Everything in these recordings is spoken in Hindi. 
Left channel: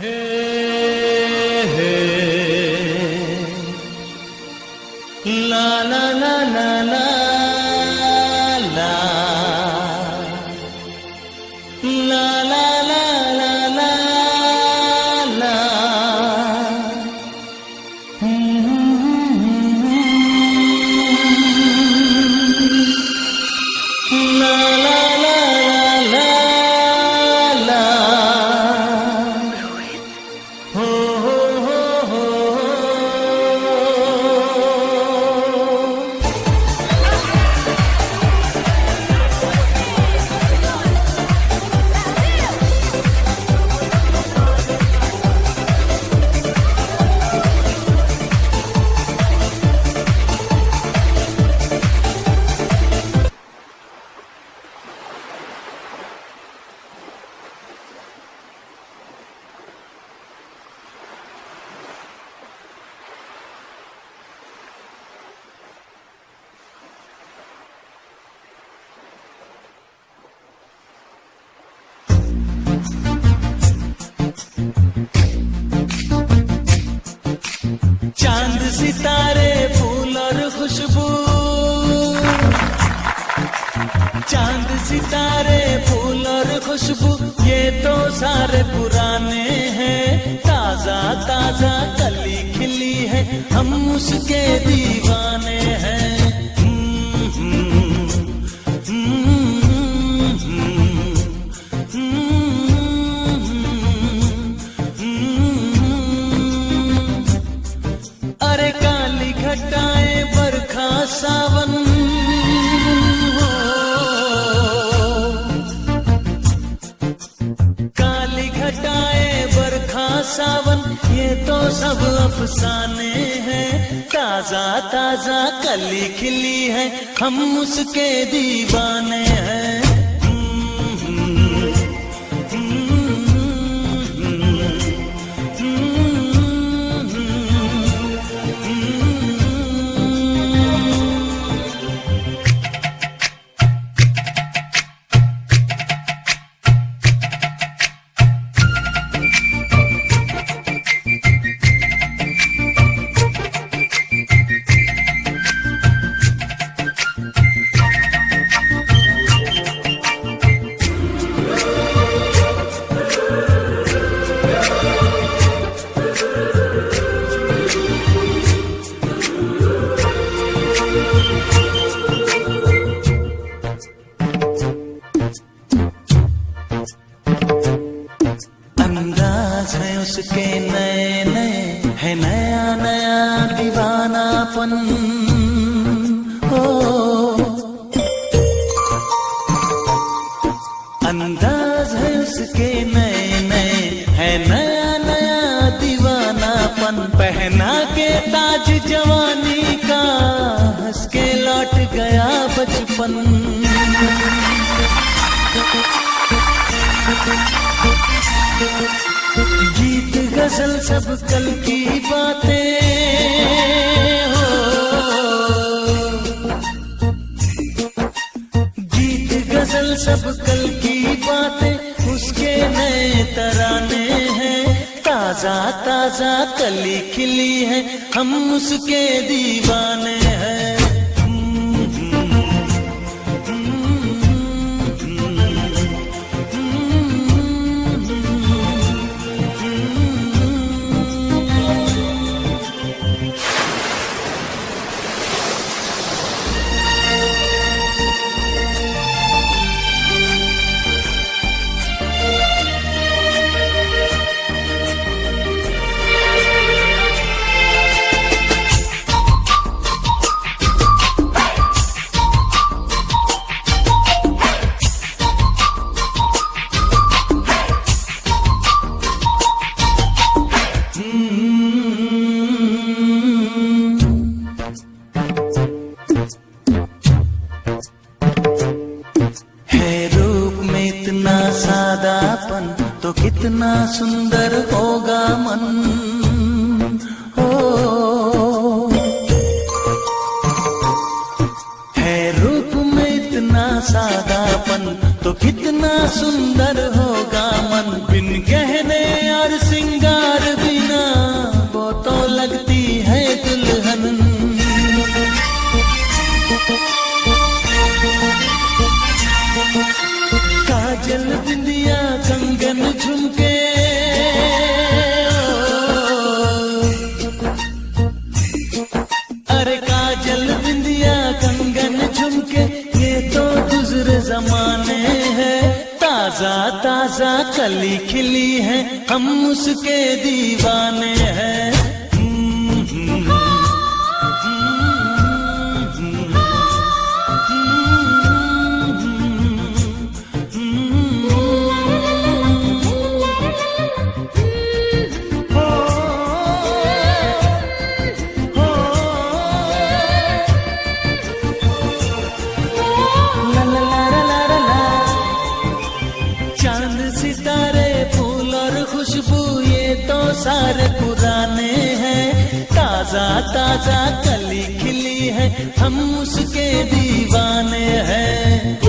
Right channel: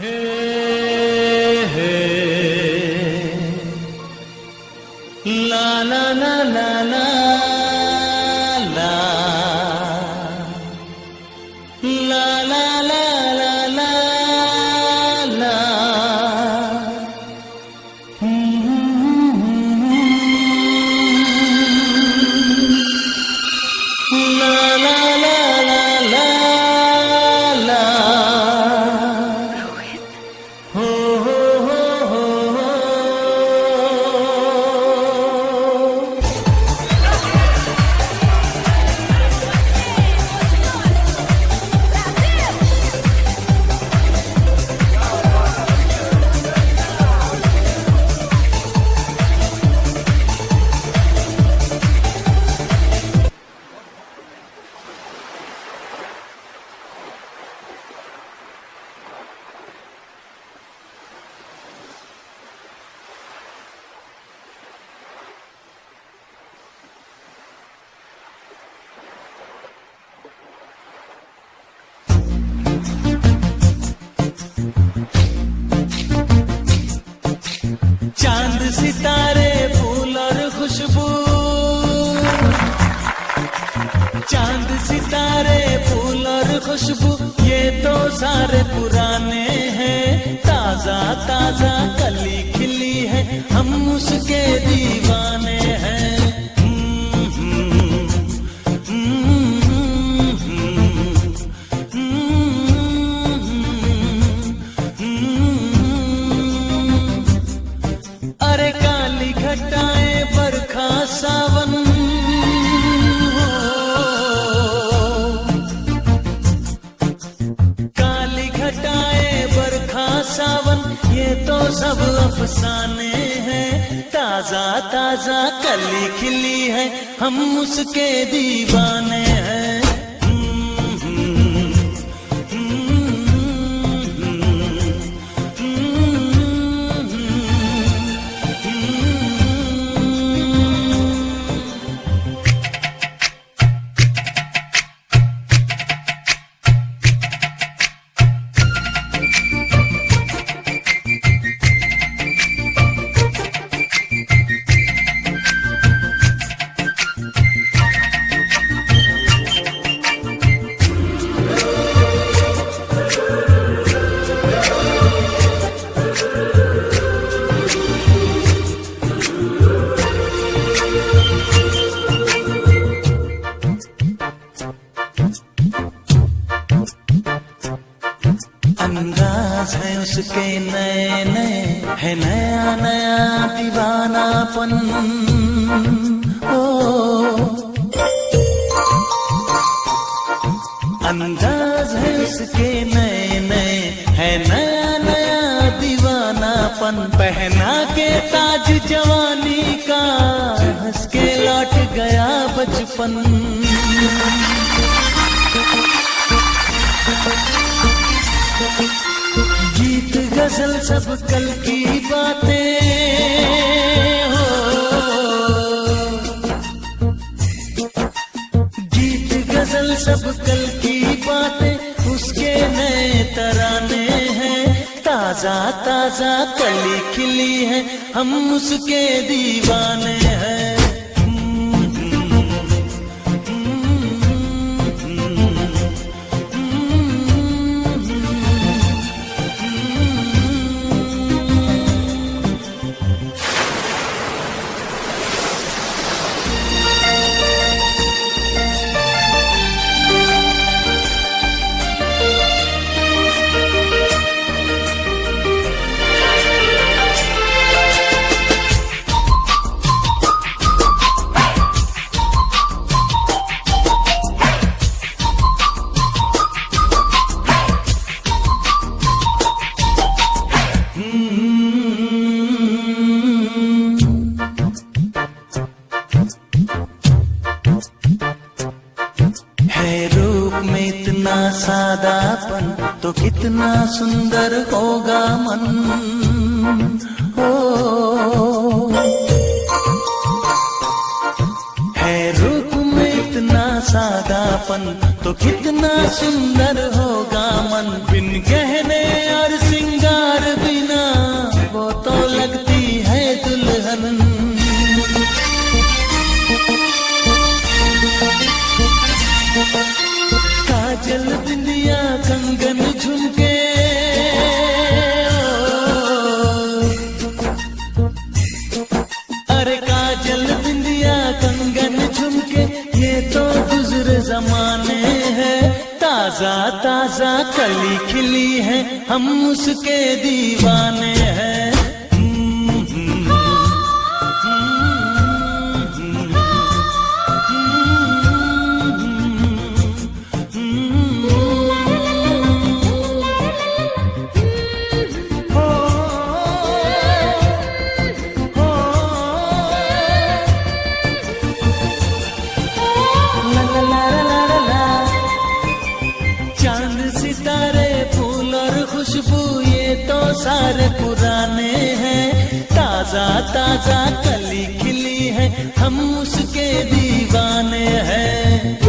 हे हे ला ला ला ला ला ला ला ला ला ला ला ला ला ला ला ला ला ला हो हो हो हो चांद सितारे फूल और खुशबू, चांद सितारे फूल और खुशबू ये तो सारे पुराने हैं। ताजा ताजा कली खिली है, हम उसके दीवाने हैं। अरे काली घटाएं बरखा सावन हो, काली घटाएं बरखा सावन ये तो सब अफसाने हैं। ताजा ताजा कली खिली है, हम उसके दीवाने हैं। अंदाज है उसके नए नए, है नया नया दीवानापन। ओ अंदाज है उसके नए नए, है नया नया दीवानापन। पहना के ताज जवानी का, हंस के लौट गया बचपन। गीत गजल सब कल की बातें हो, गीत गजल सब कल की बातें उसके नए तराने हैं। ताजा ताजा कली खिली है, हम उसके दीवाने हैं। सादापन तो कितना सुंदर होगा मन। हो है रूप में इतना सादापन तो कितना सुंदर होगा मन। बिन गहने और सिंगार काजल बिंदिया कंगन झुमके, अरे काजल बिंदिया कंगन झुमके, ये तो गुजरे जमाने हैं। ताजा ताजा कली खिली है, हम उसके दीवाने हैं। चांद सितारे फूल और खुशबू ये तो सारे पुराने हैं। ताजा ताजा कली खिली है, हम उसके दीवाने हैं।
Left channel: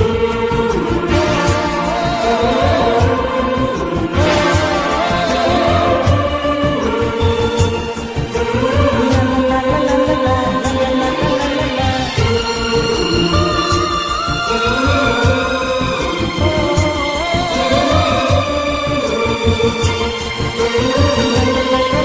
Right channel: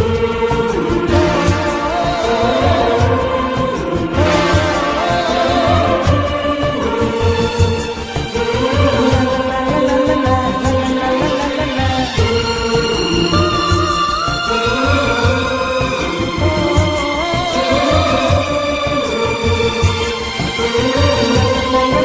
ला ला ला ला ला ला ला ला ला ला ला ला ला। La la la la